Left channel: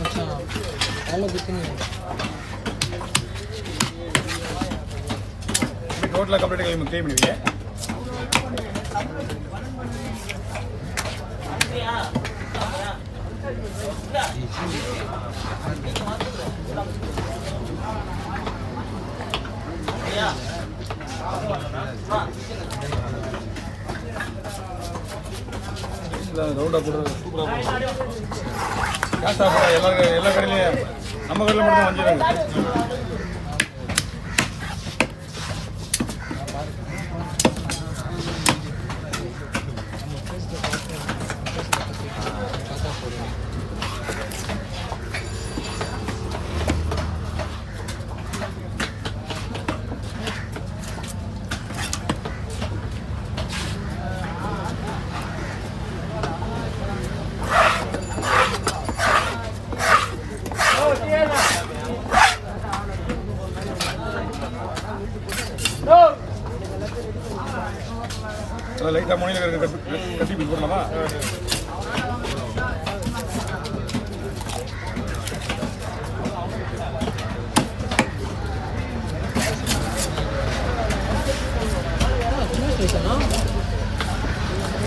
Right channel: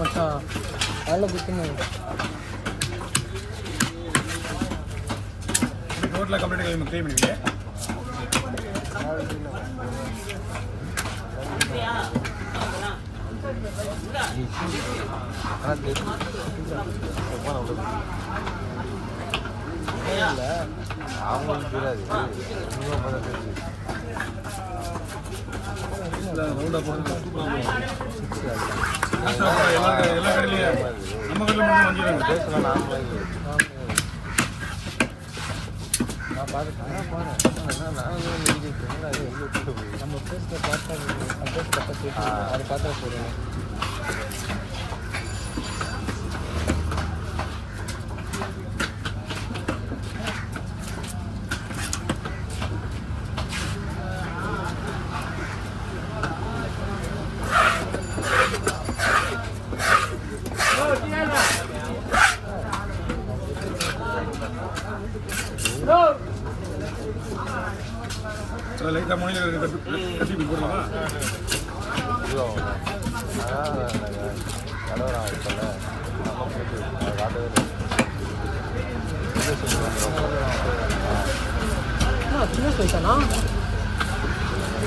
மச்சான் ரோட்ல complete clean பண்ணுவீங்க. ரவுண்டா போடுறது சூப்பராக எல்லா கடையிலையும் நம்ம கடையில் மட்டும் வஞ்சிருக்காங்க. லைட்டாக மொழியில் கட்டி போடலாமா?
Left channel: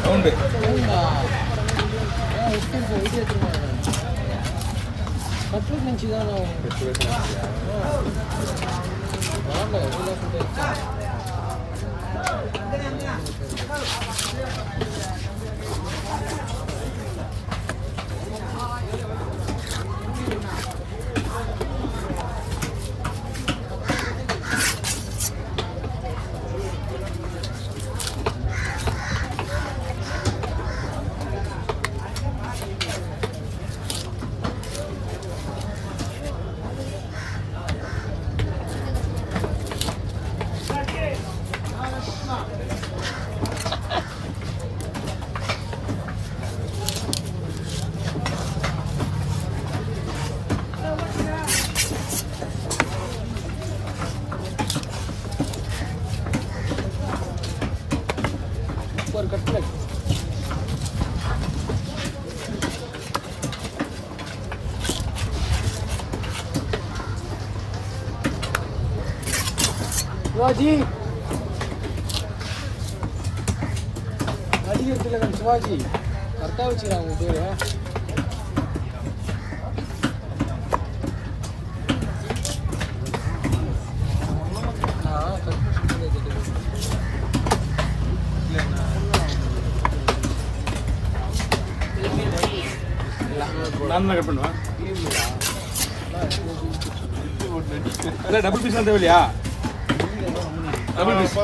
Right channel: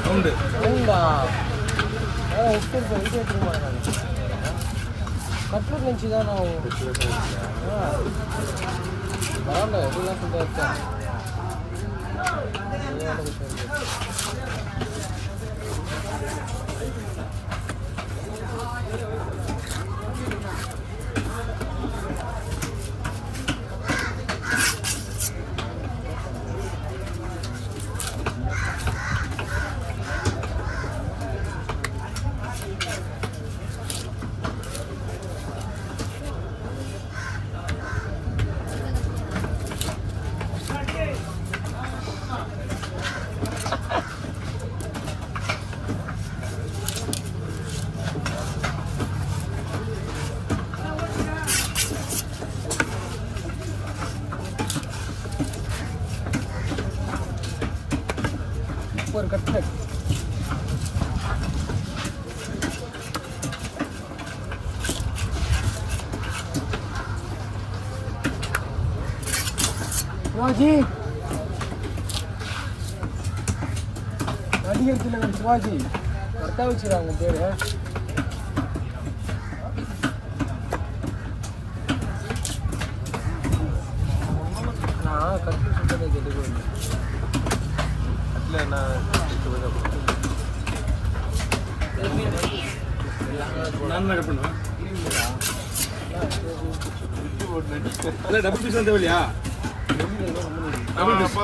ரவுண்டு சிவாஜி அடிக்கிறதுல சிவாஜி கரெக்டாக வச்சுருக்காங்க பேர். நான் தான் கட் பண்ணுவேன். இல்லை டபுள் பீஸ் வந்து இல்லையா? டபுள் பீஸ்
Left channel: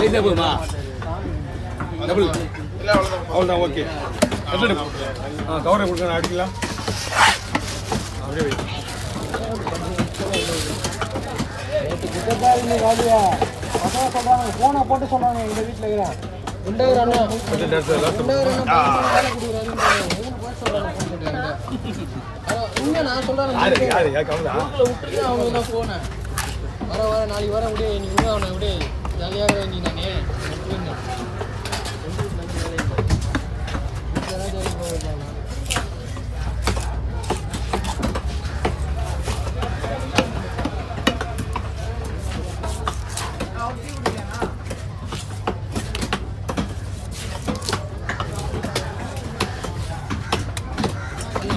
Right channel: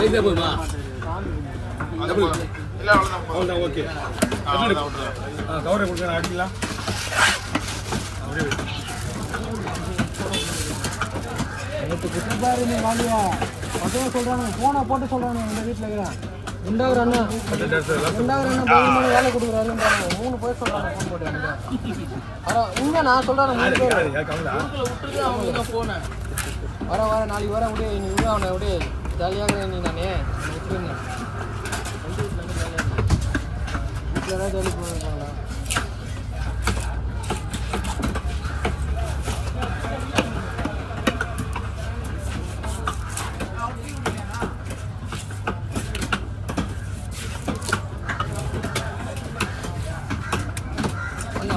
ரைஸே போதுமா? டபுள் அவ்வளோதான். ஓகே கவரை கொடுக்க அடிக்கலாம். ஃபோனை போட்டு சொல்கிறாங்க எங்கள் வீட்டில் நான் சொல்றேன் நாளைக்கு வர முடியும். நீ இன்னும் அவனை அப்படியே ஜாலியாக நீ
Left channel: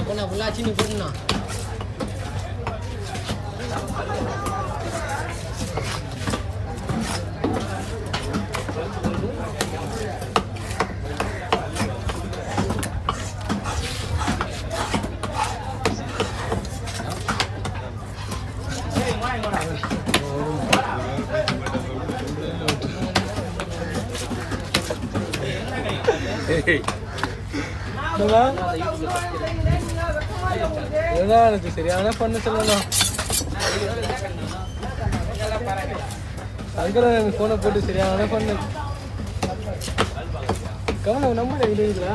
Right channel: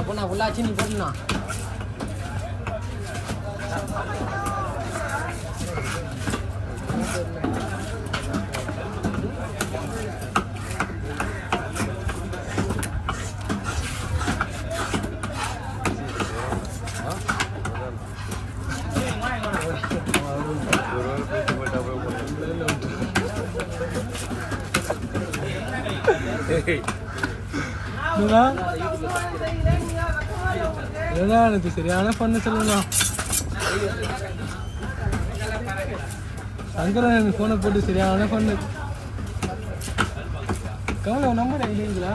பொண்ணா பொண்ணா சீனி போட்டுனா சரியான பண்ணு சொல்லலாம். அதுக்கெல்லாம் எனக்கு போனை போட்டு சரியான பண்ணு. கவனம் நம்பர் எழுதிங்களா?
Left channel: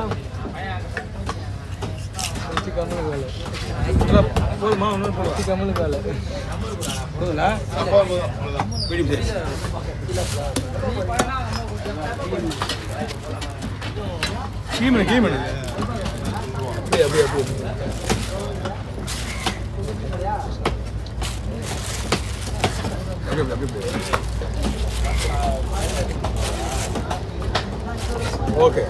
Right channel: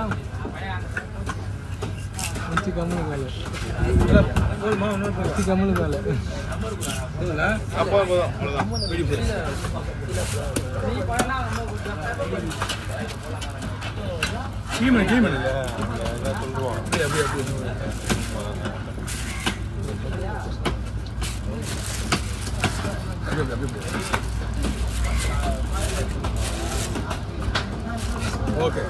போதுமா இன்னொரு போதுங்களா கீமன் கீமன் இல்லை அப்படியே அப்படியே அப்படியே ஓகே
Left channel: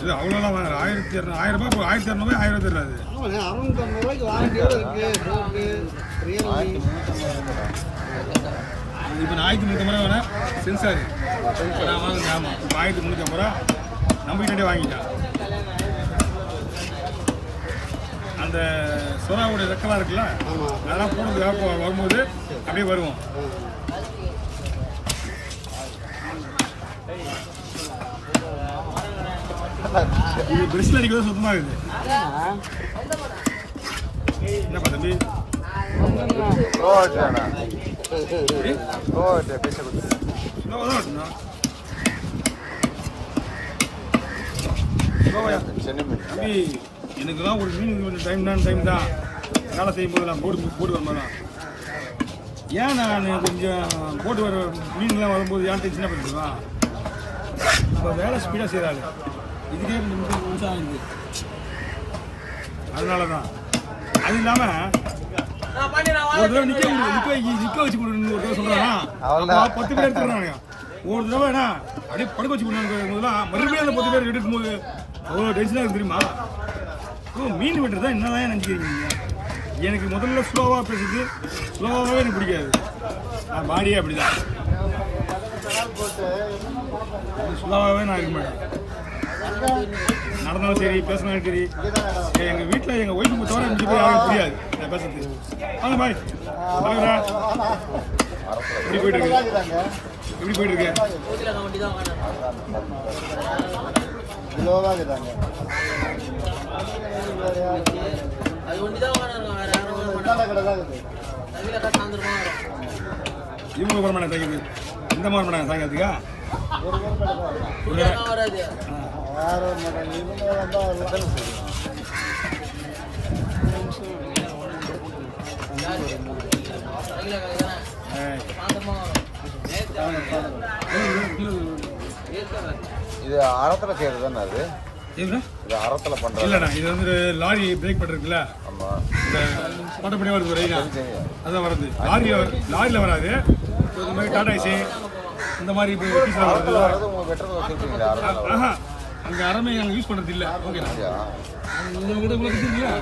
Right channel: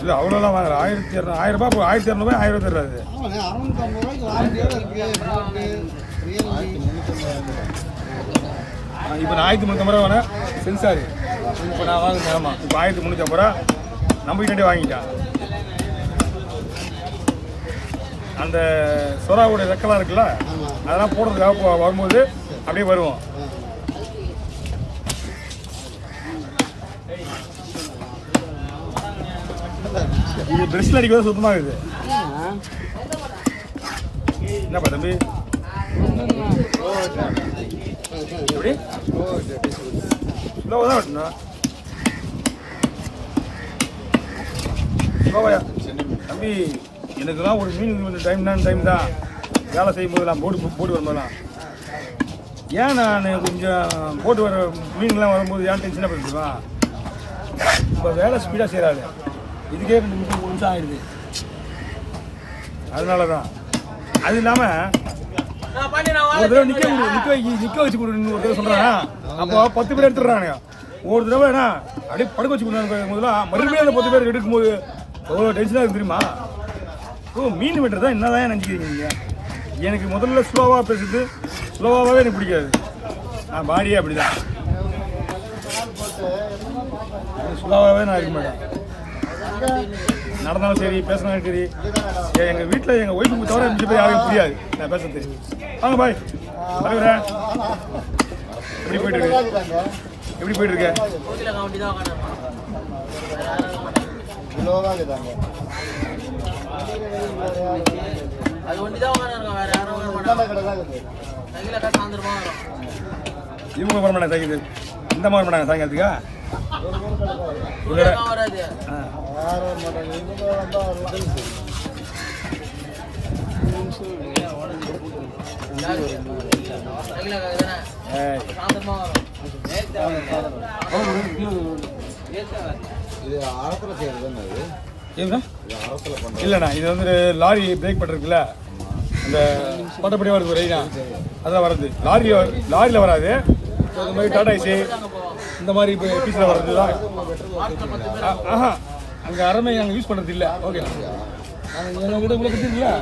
இல்லை அவ்வளோலாம் வாங்குற 1200 1000 ரூபாய் 1200 1000 தருவாது 650 வாரண்டியோட இருக்கு போட்டு இப்போ நான் 1350 ரூபா வரேன் சென்சாரு இப்போ நான் வாங்கினேன் ஆமாம் இப்போ 1350 ரூபா நம்ம கிட்டே வாங்கிட்டான் அந்த சொராவுடைய ரெக்கெல்லாம் இருக்குல்ல அதெல்லாம் போடுறதுக்காக வரும்போது அப்படியே வருவோம் இது பிரஷ்ல அடிக்கிறது சுத்தமாக இருக்குது என்னப்பா தம்பி தம்பி எனக்கு தான் ஒரு மீன் டைம் தான் வேலை செய்யும் போதெல்லாம் போட்டு வரும்போதெல்லாம் ஏன் நான் கொஞ்சம் போட்டு வர மீன்லாம் வரும்போது ஏன் டென்ஷனாக பண்ணுறீங்களா இப்போ வேலை ஸ்பீடாக செய்கிறாரு இதுக்கே 2 நிமிஷம் 3 நிமிஷம் ஆகிடுது அதனால தான் அது இல்லாமல் ஒரு தடவை நிற்க வச்சு கொடுன்னு ஒரு தடவை சொல்கிறானா அப்போ 10 பேர் எடுத்துடுறாங்க ஒரு தடவை என்ன அப்படியே படுக்க வச்சு கொடுங்க முதல்ல மறுபடியும் அந்த 10 பேர் எடுக்கும்போது எவ்வளோ டென்ஷனாக இருக்கு தெரியுமா மீன் வெட்டுறது தான் என்ன தான் நினச்சிக்கிறீங்க எனக்கு முதல்ல ஸ்லோவாக பேசுறது ஸ்லோவாகவே எனக்கு பிடிக்காது நான் பாடியே அப்படி தான் ஸ்லோவாகவே நான் இருக்க மாட்டேன் நடந்தாலும் சரி பேசினாலும் சரி எங்கள் வீட்டில் எங்கள் ஒய்ஃபுக்கு தவிர எனக்கு போய் யாரும் புரியாது நான் பேசுறது வாங்க பாய் வாங்க எப்படி போயிட்டுருக்கு எப்படி போயிட்டுருக்க இவங்க வர மாட்டாங்க சாயங்காலத்துக்கு இந்த மாதிரி மாட்டாங்க சாயங்காலத்துக்கா இது அறத்துல செய்யறது தானே அது இது அறத்துல பண்றது இல்லைண்ணா இது வந்து லாரி பிரேக் பண்ணிருக்குல்ல இந்த பட்டப்படியாக வருது ரைனா அதான் வருது லாரியில் வராது இந்த மாதிரி டாடா ஏசி இந்த மாதிரி பீஸில் வர்றது தான் அங்கே அறமை நாங்கள் யூஸ் பண்ணுறது இல்லை ஓகேண்ணா எங்ககிட்ட உங்களை பற்றி இல்லை